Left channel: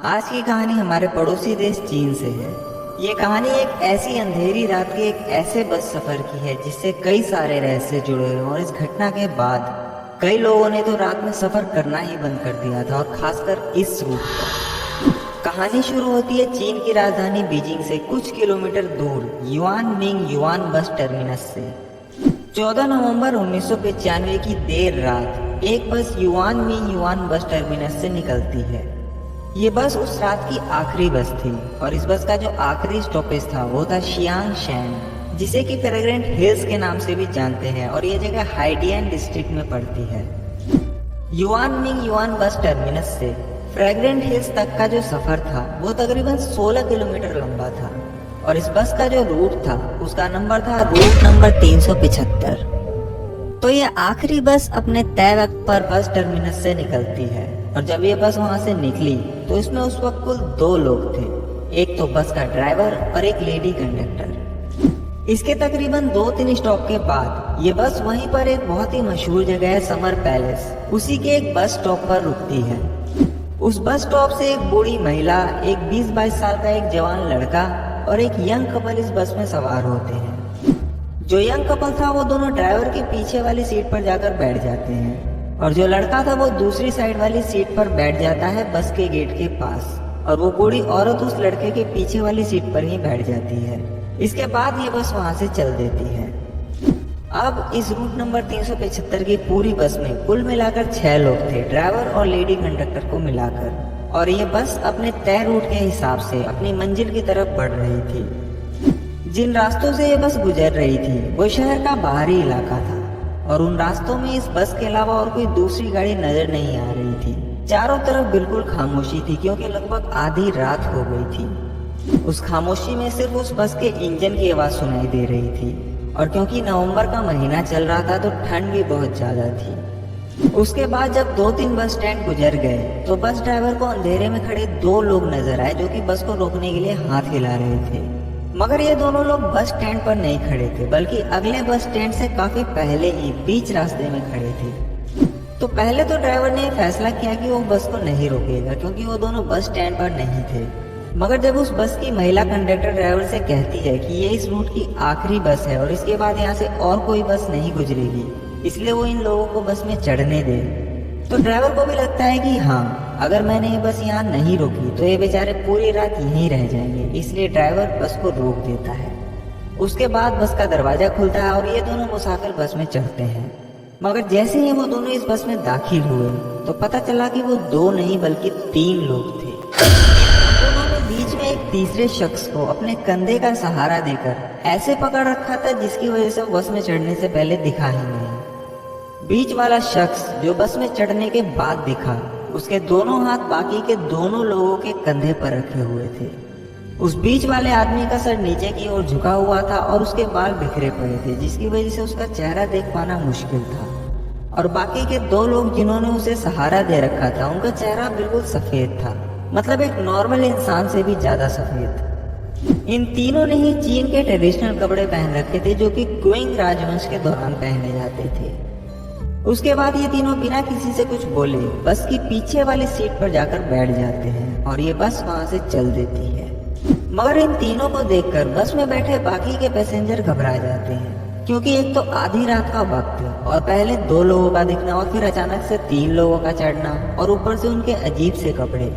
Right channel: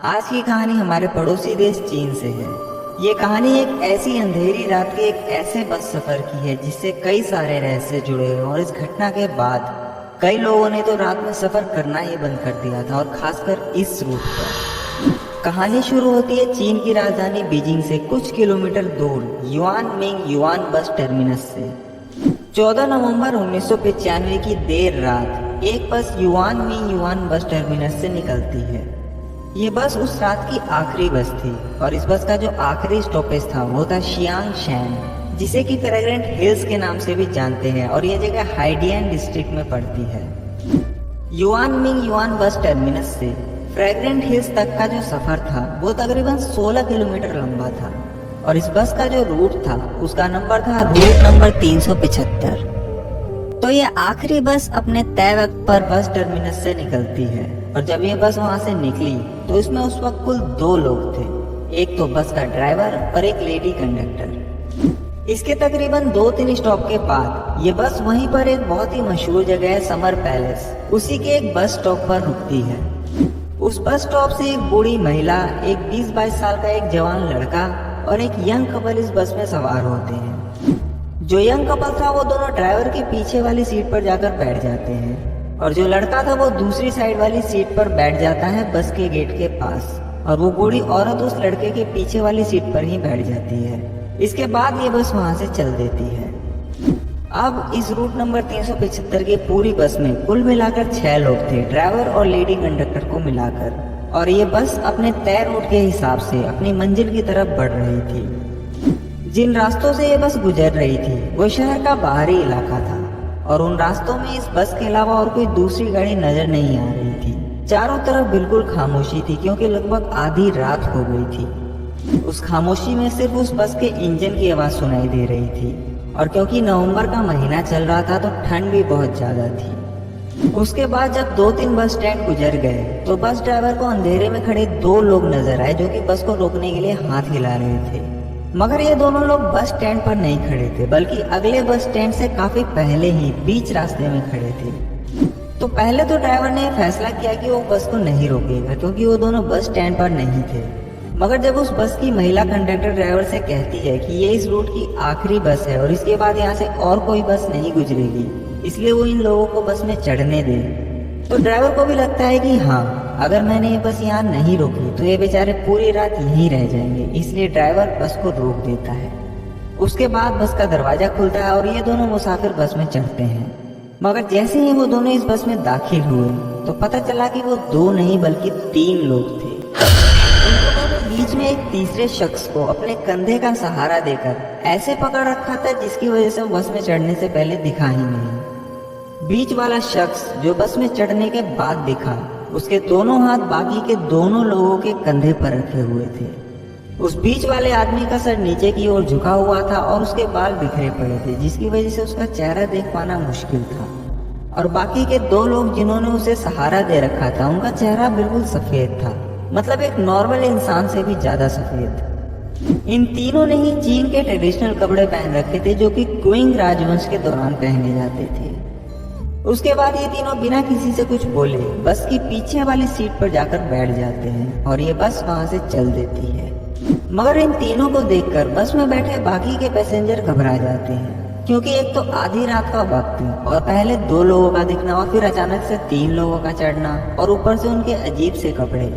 आज की कहानी हमारे पड़ोसी देश चीन से है। ये कहानी एक ऐसी अंधेरी रात के एक ऐसे बस सफर की है जिससे कई सारे रहस्य जुड़े हैं और इस घटना के बाद कई लोगों ने तो रात में सफर करना ही बंद कर दिया था, और खासकर इस रूट पर। कहानी शुरू होती है चीन की राजधानी बीजिंग से कुछ किलोमीटर दूर yuan Ming yuan bus terminus से। 14 नवंबर 1995 की देर रात एक बस yuan Ming yuan bus terminus से निकलती है। ये बस उस रात की आखिरी बस थी और इस बस का जो आखिरी स्टॉपेज था वो था शियांग शैन, जिसे कि फ्रैग्रेंट हिल्स के नाम से भी जानते हैं, और ये जगह हाइडियन डिस्ट्रिक्ट में पड़ती है। Yuan Ming yuan bus terminus से फ्रैग्रेंट हिल्स तक का जो सफर था वो तकरीबन 16 किलोमीटर लंबा था, और इस बस का जो रूट था उसका नंबर था रूट नंबर 375। तो ये आखिरी बस अपने तय वक्त पर बस टर्मिनस से निकलती है, और जब ये बस वहां से निकली तो इसमें उस वक्त कुल 2 लोग थे, एक तो बस का ड्राइवर और एक लेडी कंडक्टर। इसके तकरीबन 2-3 स्टॉप के बाद ये बस वहीं पर एक बहुत ही मशहूर जगह है समर पैलेस, उसी के एक बस स्टॉप पर रुकती है। उस बस स्टॉप से एक बूढ़ी महिला, एक 20-22 साल का एक जवान लड़का और एक यंग कपल इस बस में सवार होते हैं। जो यंग कपल था वो दोनों ड्राइवर के पीछे वाली सीट पर जाकर बैठ जाते हैं, और जो लड़का था वो दूसरी साइड वाली सीट पर बैठ जाता है बस के गेट के पास, और वो बूढ़ी औरत उस लड़के के पीछे वाली सीट पर ही बैठ जाती है। इसके बाद ये बस वहां से चल देती है। अब इस रूट नंबर 375 की पूरी बस में कुल मिलाकर 6 लोग थे, ड्राइवर और लेडी कंडक्टर को मिलाकर, और ये बस अपने तय रूट के हिसाब से अपनी मंजिल की तरफ बढ़ रही थी। जिन रास्तों से ये बस गुजर रही थी वो शहर का बाहरी इलाका था, और उन रास्तों में इस बस के अलावा और कोई दूसरी गाड़ी नजर नहीं आ रही थी। चारों तरफ बिल्कुल खामोशी थी क्योंकि लगभग आधी रात हो गई थी। उस खामोशी में सिर्फ उस बस के इंजन की आवाज सुनाई दे रही थी, और क्योंकि नवंबर का महीना चल रहा था तो ठंड भी बहुत ज्यादा थी। उसके बाद जब 2-3 बस स्टैंड गुजर गए तो बस ड्राइवर को अंधेरे में खड़े 2 लोग नजर आए जो कि बस को रोकने के लिए हाथ हिला रहे थे। मगर ये दोनों लोग बस स्टैंड पर नहीं खड़े थे, बल्कि अगले बस स्टैंड से काफी पहले ही बीच रास्ते में खड़े थे। तो पहले तो ड्राइवर ने फैसला किया कि वो बस को नहीं रोकेगा क्योंकि वो दोनों बस स्टैंड पर नहीं थे। मगर जब उस बस की महिला कंडक्टर ड्राइवर से कहती है कि ये इस रूट की आखिरी बस है और इसके बाद यहाँ से और कोई बस नहीं गुजरेगी, इसलिए वो इन लोगों को बस में चढ़ने दें, तो ड्राइवर को भी लगता है कि हाँ, अगर मैंने ये बस यहाँ नहीं रोकी तो ये बेचारे पूरी रात यहीं रह जाएंगे, इसलिए ड्राइवर बस को रोक देता है। उसके बाद बस का दरवाजा खुलता है और ये दोनों मुसाफिर बस में चढ़ते हैं। मगर जैसे ही वो दोनों इस बस में दाखिल हुए तो पता चला कि वो 2 नहीं बल्कि 3 लोग थे। उन दोनों ने बीच में एक तीसरे शख्स को अपने कंधे का सहारा देकर ऐसे पकड़ रखा था जिसकी वजह से बस में चढ़ने से पहले दिखा ही नहीं। बीच वाला शख्स जो बस में चढ़ने के बाद दिखा, उसके दोनों हाथ बाकी के दोनों लोगों के कंधे पर रखे हुए थे। उस बीच वाले आदमी का सर नीचे की ओर झुका हुआ था और उसके बाल बिखरे पड़े थे, जिसकी वजह से उसका चेहरा देख पाना मुश्किल था। और बाकी के 2 लोग जिन्होंने उसे सहारा दे रखा था उनका चेहरा बिल्कुल सफेद था, मतलब एक नॉर्मल इंसान से भी ज्यादा सफेद। इन तीनों ने ही चीन के ट्रेडिशनल कपड़े पहन रखे थे जो कि क्विंग राजवंश के दौरान पहने जाते थे। उसके बाद ये तीनों बिना किसी से कुछ बोले बस की पीछे वाली सीट पर जाकर बैठ जाते हैं और ये बस वहां से चल देती है। मगर इन तीनों को देखकर बस में बैठे बाकी के पैसेंजर घबरा जाते हैं, क्योंकि एक तो आधी रात का वक्त और पहले 2 लोगों का दिखना और फिर अचानक से 3 लोगों का चढ़ना और ऊपर से उनके अजीब से कपड़े।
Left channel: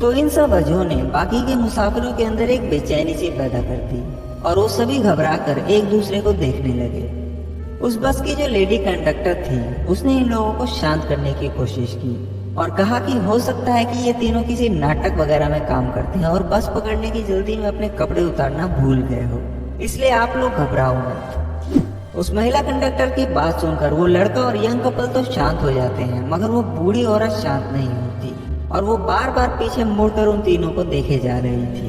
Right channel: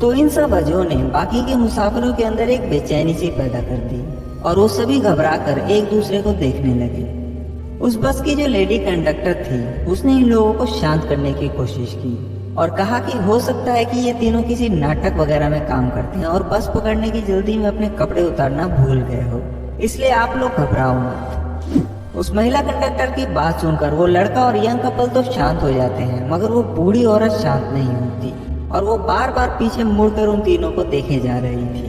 तो इन सब वजहों ने बाकी के मुसाफिरों के अंदर एक बेचैनी सी पैदा कर दी और वो सभी घबरा कर एक दूसरे को देखने लगे। उस बस की जो लेडी कंडक्टर थी उसने इन लोगों को शांत करने की कोशिश की और कहा कि हो सकता है कि ये तीनों किसी नाटक वगैरह में काम करते हैं और बस पकड़ने की जल्दी में अपने कपड़े उतारना भूल गए हो, इसलिए आप लोग घबराओ मत। उस महिला कंडक्टर की बात सुनकर वो लड़का और यंग कपल तो शांत हो जाते हैं, मगर वो बूढ़ी औरत शांत नहीं होती और वो बार बार पीछे मुड़कर उन तीनों को देखे जा रही थी।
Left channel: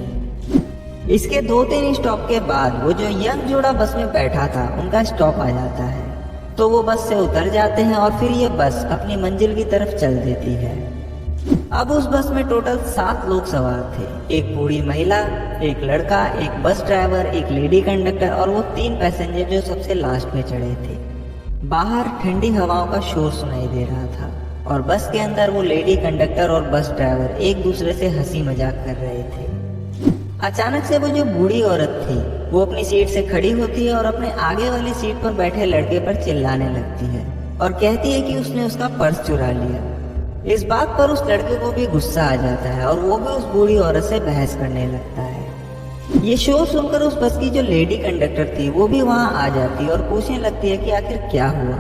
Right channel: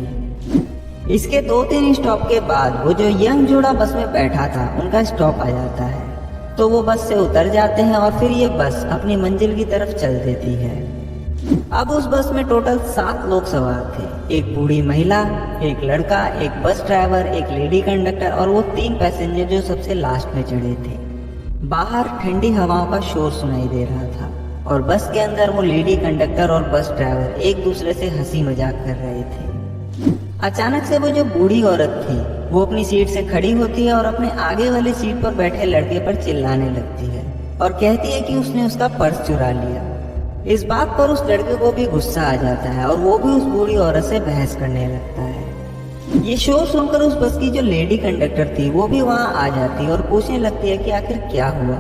इसके 2-3 स्टॉप के बाद वो जो यंग जोड़ा बस में बैठा था उनका स्टॉप आ जाता है, तो वो बस से उतर जाते हैं और फिर ये बस अपनी मंजिल की तरफ चल देती है। अब उस बस में टोटल 7 लोग सवार थे, एक बूढ़ी महिला, एक लड़का, एक बस ड्राइवर, एक लेडी कंडक्टर और वो 3 पैसेंजर जो सबसे लास्ट में चढ़े थे। बाहर ठंडी हवाओं का शोर सुनाई दे रहा था और बस के अंदर वो लेडी कंडक्टर और बस ड्राइवर एक दूसरे से हंसी मजाक कर रहे थे। अचानक से वो जो बूढ़ी औरत थी वो अपनी सीट से खड़ी होती है और अपने आगे वाली सीट पर बैठे लड़के पर चिल्लाने लगती है और कहती है कि उसने उसका पर्स चुरा लिया। इस बात पर उस लड़के को भी गुस्सा आ जाता है और वो भी उस बूढ़ी औरत से बहस करने लगता है। ये शोर सुनकर उस बस की जो लेडी कंडक्टर थी वो भी वहाँ आ जाती है और पूछने लगती है कि आखिर क्या हुआ।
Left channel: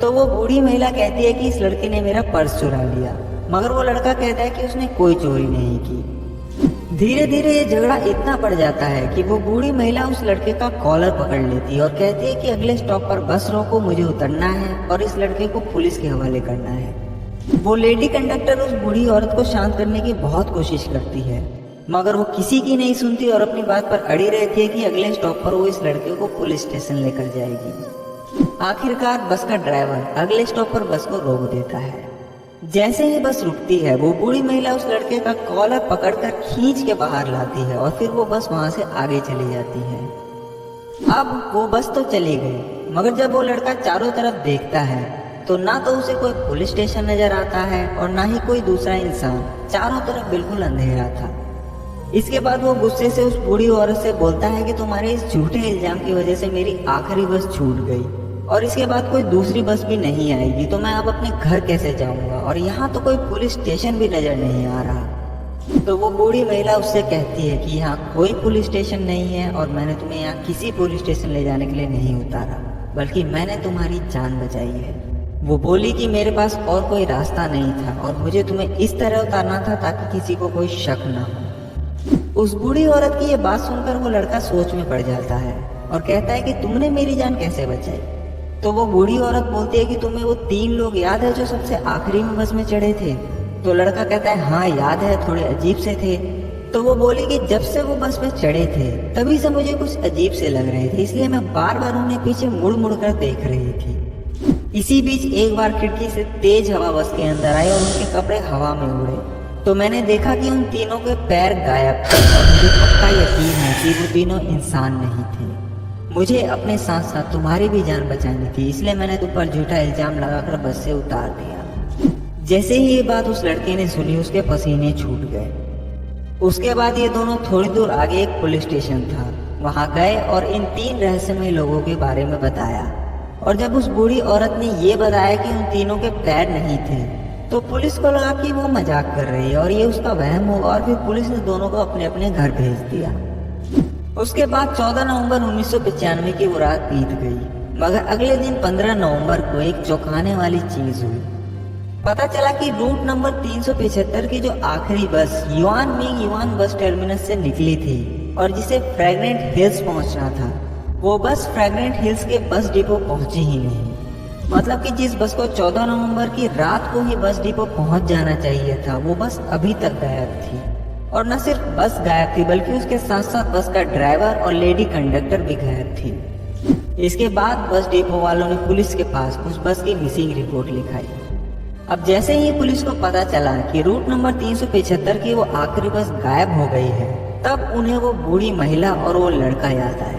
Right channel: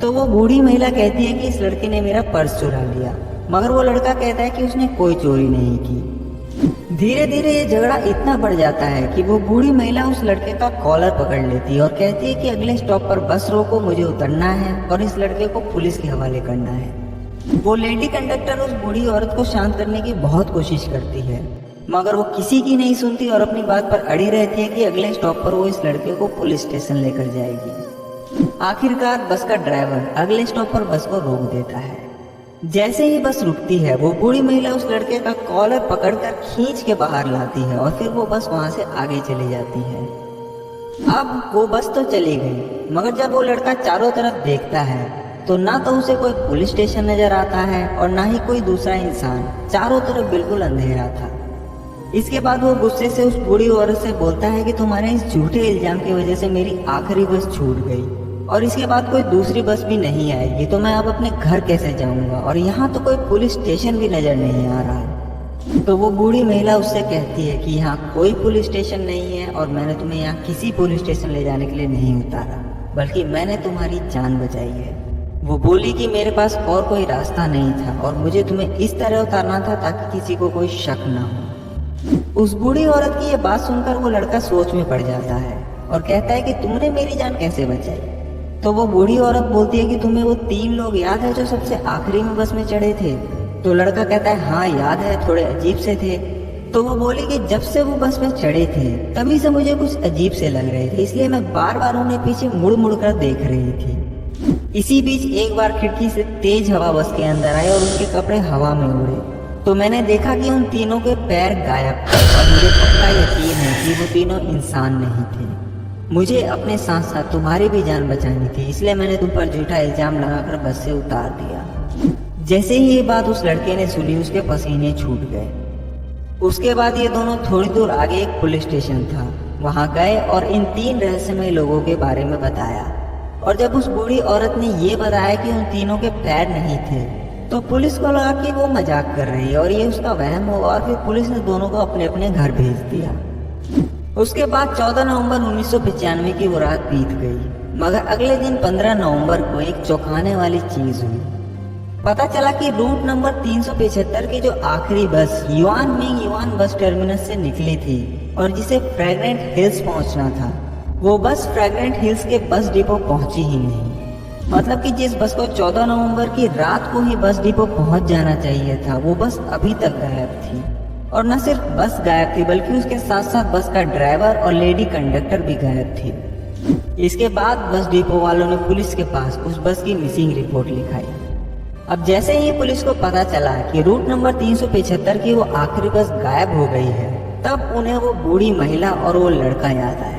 तो वो बूढ़ी महिला कहती है कि इस लड़के ने मेरा पर्स चुरा लिया, मगर वो लड़का कहता है कि उसने कोई चोरी नहीं की। धीरे धीरे ये झगड़ा इतना बढ़ जाता है कि वो बूढ़ी महिला उस लड़के का कॉलर पकड़ लेती है और कहती है कि अगले स्टॉप पर बस रोको, मुझे उतरना है और इस लड़के को पुलिस के हवाले करना है। वो लेडी कंडक्टर उस बूढ़ी औरत को शांत करने की बहुत कोशिश करती है, मगर वो किसी की नहीं सुनती और अपनी बात पर अड़ी रहती है कि अगले स्टॉप पर वो इस लड़के को पुलिस स्टेशन लेकर जाएगी। आखिरकार बस का ड्राइवर अगले स्टॉप पर बस को रोक देता है। जैसे ही बस रुकती है वो बूढ़ी महिला उस लड़के का कॉलर पकड़कर खींच के बाहर लाती है और फिर वो बस वहां से आगे चली जाती है। अब वो बस तो चली गई, मगर जब वो लड़का चारों तरफ देखता है तो ना तो उसे कोई पुलिस स्टेशन नजर आता है और ना ही कोई दूसरा इंसान। चारों तरफ बिल्कुल अंधेरा था। इसके बाद वो गुस्से से उस बूढ़ी औरत से बोलता है कि तुम्हारे इस झूठे इल्जाम की वजह से मेरी आखिरी बस छूट गई और इसके बाद कोई दूसरी बस भी नहीं आएगी, तो मैं अब अपने घर कैसे जाऊंगा, और यहाँ तो कोई पुलिस स्टेशन भी नजर नहीं आ रहा। तो वो बूढ़ी महिला उससे कहती है कि यहाँ कोई पुलिस स्टेशन नहीं है और मैंने तुम्हें यहाँ किसी पुलिस स्टेशन ले जाने के लिए नहीं उतारा, बल्कि मैंने तुम्हारी जान बचाई है। वो बोली कि मेरे पास और कोई रास्ता नहीं था और मुझे तुम्हें इस तरह उतारना था ताकि किसी को कोई शक न हो। उस बूढ़ी औरत की ये बात सुनकर वो लड़का सोच में पड़ जाता है और कहता है कि तुमने मेरी जान कैसे बचाई। तो वो बूढ़ी औरत बोलती है कि तुम्हें वो 3 लोग याद है जो सबसे आखिरी में बस में चढ़े थे। तो लड़का कहता है हाँ याद है, थोड़े अजीब से थे। तो वो बोली कि जब से वो बस में चढ़े थे तभी से मुझे कुछ अजीब से लग रहे थे, इसलिए मैं बार बार उन्हें पीछे मुड़ मुड़ कर देख रही थी। इसी बीच एक बार खिड़की से तेज हवा बस के अंदर आए और उनके कपड़े हवा में उड़े। तो मैंने देखा कि उन तीनों के पैर गायब थे और मुझे पक्का यकीन है कि वो तीनों इंसान नहीं थे। मुझे अपने साथ साथ तुम्हारी भी जान बचानी थी, इसलिए मैंने तुम पर झूठा इल्जाम लगाकर बस से उतार दिया। जैसे ही ये बात उस लड़के ने सुनी उसके पसीने छूट गए। उसके बाद ये दोनों थोड़ी दूर आगे एक पुलिस स्टेशन था, वहां गए और इन 3 रहस्यमय लोगों के बारे में बताया। और जब उस बूढ़ी औरत ने ये बताया कि उन तीनों के पैर नहीं थे तो पुलिस को लगा कि वो मजाक कर रही है और ये उसका वहम होगा, और फिर पुलिस ने दोनों को अपने अपने घर भेज दिया। उसके बाद 14 नवंबर 1995 की वो रात बीत गई, मगर अगले दिन 15 नवंबर को एक चौंकाने वाली चीज हुई। पता चला कि रूट नंबर 375 की जो आखिरी बस yuan Ming yuan bus terminus से निकली थी और जिसे फ्रैग्रेंट हिल्स पहुंचना था, वो बस फ्रैग्रेंट हिल्स के बस डिपो पहुंची ही नहीं। मतलब कि जिस बस को 14 नवंबर की रात को ही बस डिपो पहुंच जाना चाहिए था, वो बस अभी तक गायब थी। और न सिर्फ बस गायब थी बल्कि उसके साथ साथ बस का ड्राइवर और लेडी कंडक्टर भी गायब थी। इसके बाद बस डिपो वालों ने पुलिस के पास उस बस की मिसिंग रिपोर्ट लिखाई। अब जैसे ही पुलिस को पता चला कि रूट नंबर 375 की वो आखिरी बस गायब हो गई है, तब उन्हें वो बूढ़ी महिला और वो लड़का याद आया।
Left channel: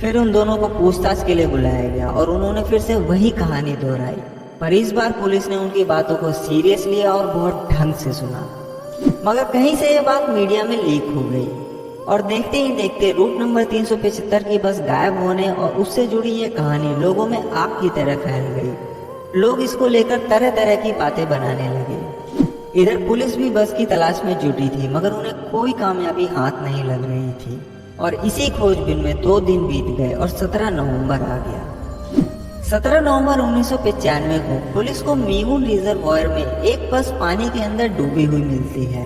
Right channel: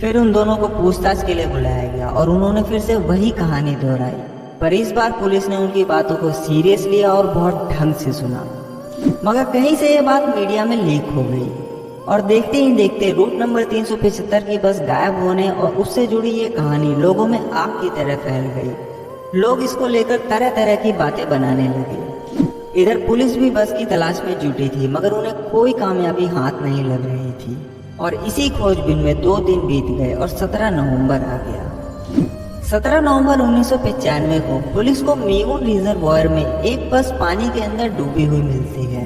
फिर उन दोनों को पूछताछ के लिए बुलाया गया और उन्होंने फिर से वही कहानी दोहराई, पर इस बार पुलिस ने उनकी बातों को सीरियस लिया और बहुत ढंग से सुना। मगर कहीं से ये बात मीडिया में लीक हो गई और देखते ही देखते रूट नंबर 375 की बस गायब होने और उससे जुड़ी ये कहानी लोगों में आग की तरह फैल गई। लोग इसको लेकर तरह तरह की बातें बनाने लगे। इधर पुलिस भी बस की तलाश में जुटी थी, मगर उन्हें कोई कामयाबी हाथ नहीं लग रही थी। और इसी खोजबीन में 2 दिन बीत गए और 17 नवंबर आ गया। 17 नवंबर 1995 को पुलिस को मीगुन रिजर्वॉयर में एक बस पानी के अंदर डूबी हुई मिलती है।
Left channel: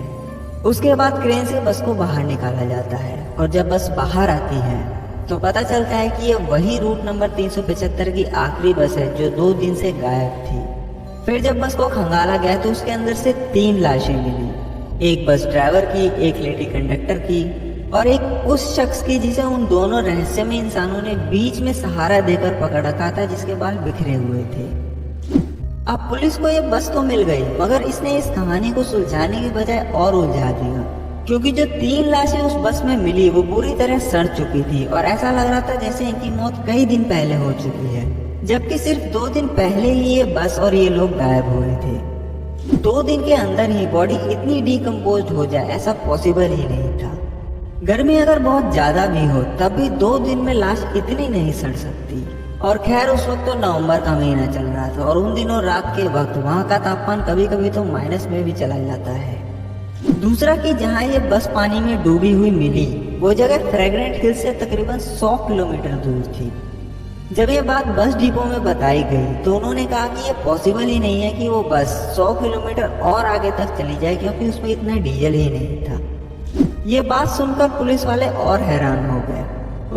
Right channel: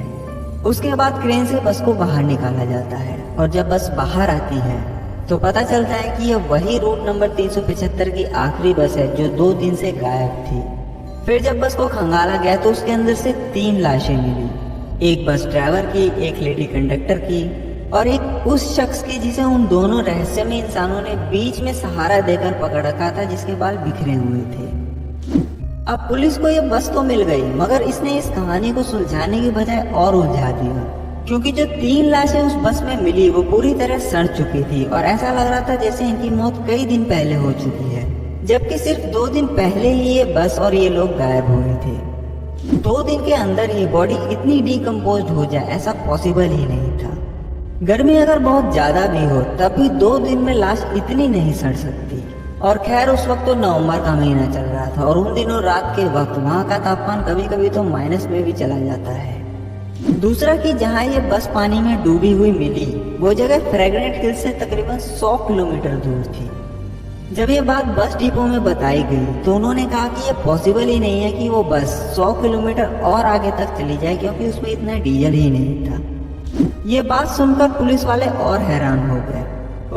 उसके बाद क्रेन से बस को बाहर निकाला जाता है और जब बस बाहर आती है तो पता चलता है कि यह वही रूट नंबर 375 की आखिरी बस है जो 2 दिन से गायब थी। फिर जब बस को खंगाला गया तो उसके अंदर से 3 लाशें मिली, एक बस ड्राइवर की, एक लेडी कंडक्टर की और एक उस शख्स की जिसे उन दोनों रहस्यमय इंसानों ने बीच में सहारा देकर पकड़ रखा था, जिसके बाल बिखरे हुए थे। अब पुलिस को ये बस तो मिल गई, मगर इसने इस कहानी को सुलझाने की बजाय और उलझा दिया, क्योंकि जो 3 लाशें उस बस में मिली वो पूरी तरह सड़ चुकी थी और ऐसा लग रहा था जैसे इनकी मौत कई दिन पहले हो चुकी है, जबकि सिर्फ 2 दिन पहले ही ये बस और ये लोग गायब हो गए थे। 2 दिन के अंदर ही बॉडी इतनी डिकम्पोज हो जाए ऐसा पॉसिबल ही नहीं था। गर्मी अगर बहुत ज्यादा भी हो तब भी 2 दिन में लाश इतनी नहीं सड़ सकती। और खैर उस वक्त तो नवंबर का महीना चल रहा था और उन दिनों रात के वक्त वहाँ का तापमान कभी कभी तो माइनस में भी चला जाता है। दूसरा कि जहाँ ये बस पानी में डूबी हुई मिली वो जगह फ्रेग्रेंट हिल से तकरीबन 100 किलोमीटर दूर थी। जब ये बात बस डिपो में बताई गई तो उन्होंने कहा कि ये पॉसिबल ही नहीं है कि वो बस 100 किलोमीटर और आगे तक चली जाए क्योंकि उसमें इतना डीजल ही नहीं था। ये बात सुनकर पुलिस वाले और हैरान हो गए।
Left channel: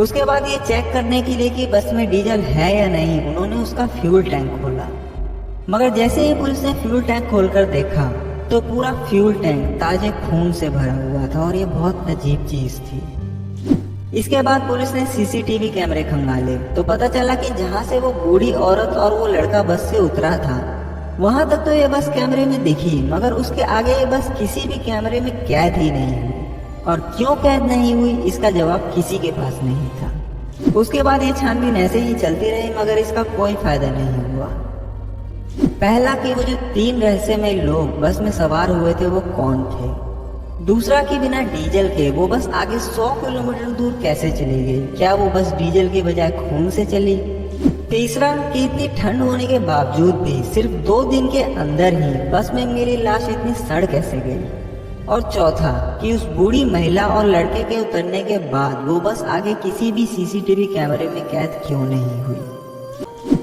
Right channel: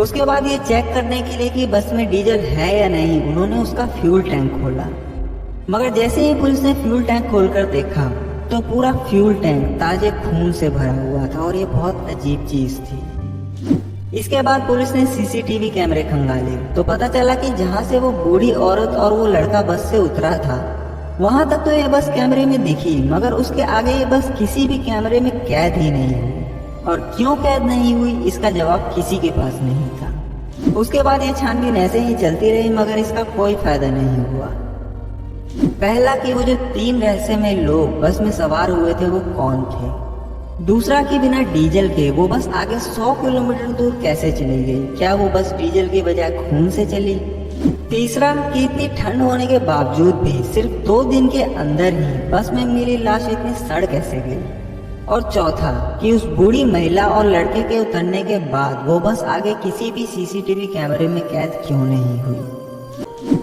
उसके बाद ये चेक करने के लिए कि बस में डीजल है या नहीं उन्होंने उसका फ्यूल टैंक खोला, मगर जैसे ही पुलिस ने फ्यूल टैंक खोलकर देखा तो पूरा फ्यूल टैंक ताजे खून से भरा हुआ था और ये बहुत अजीब चीज थी। इसके बाद पुलिस ने सीसीटीवी कैमरे खंगाले तो पता चला कि जहाँ से वो बूढ़ी औरत और वो लड़का बस से उतरा था वहां तक तो ये बस कैमरे में दिखी, मगर उसके आगे ये बस किसी भी कैमरे में कैद ही नहीं हुई। और क्यों कैद नहीं हुई इसका जवाब किसी के पास नहीं था। उसके बाद ये छानबीन ऐसे ही चलती रही मगर इसका कोई फायदा नहीं हुआ। पहला कि वो जो 3 रहस्यमय लोग बस में सवार हुए थे वो कौन थे। दूसरा कि बिना डीजल के वो बस आगे 100 किलोमीटर दूर कैसे चले गए, क्या वो बस डीजल के बजाय खून से चली। तीसरा कि इतनी ठंड होने के बावजूद भी सिर्फ 2 दिन के अंदर ही बस में मेरी लाश इतनी सड़ कैसे गई। और चौथा कि उस बूढ़ी महिला और लड़के के उतरने के बाद वो बस आगे किसी भी सीसीटीवी कैमरे में कैद क्यों नहीं हुई।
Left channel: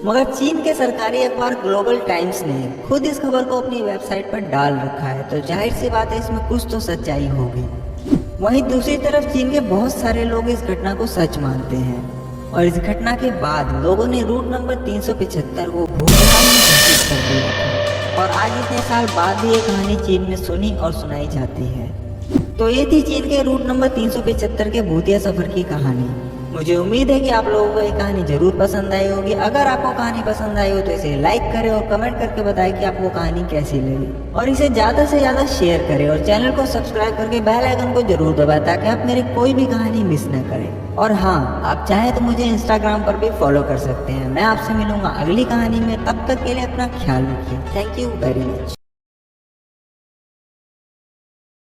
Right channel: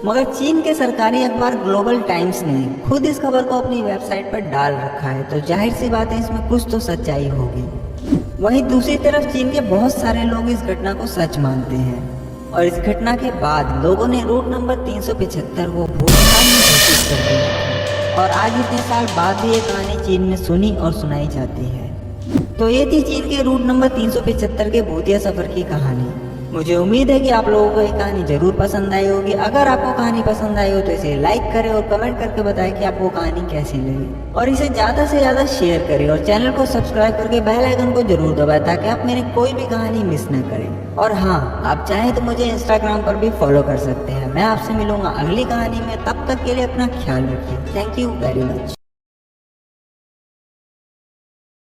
मगर चीन के सरकारी अखबार ग्लोबल टाइम्स ने खुद इस खबर को अपनी वेबसाइट पर डाल रखा है तो जाहिर सी बात है इसमें कुछ तो सच्चाई होगी। वहीं दूसरी तरफ चीन के बहुत सारे लोग इस घटना को सच मानते हैं और इस घटना के बाद लोगों ने रूट नंबर 375 को भूतकाल में सूचित कर दिया और आज इतने साल बाद भी ये कहानी चीन में सुनी और सुनाई जाती है। तो ये थी चीन के रूट नंबर 375 के भूतिया सफर की कहानी। मुझे उम्मीद है कि आप लोगों को ये कहानी जरूर पसंद आई होगी। अगर आपको कहानी पसंद आई हो तो इसे लाइक करें और कमेंट करके बताएं कि आपको कहानी कैसी लगी और इसे ज्यादा से ज्यादा शेयर करें और चैनल को सब्सक्राइब करके बेल आइकन को जरूर दबाएं ताकि आप मेरी कोई भी कहानी मिस न करें। और हाँ, आप चाहें तो मुझे इंस्टाग्राम पर भी फॉलो कर सकते हैं। मैं आपसे मिलूंगा अगली कहानी में, तब तक के लिए अपना ख्याल रखिए। Thank you very much.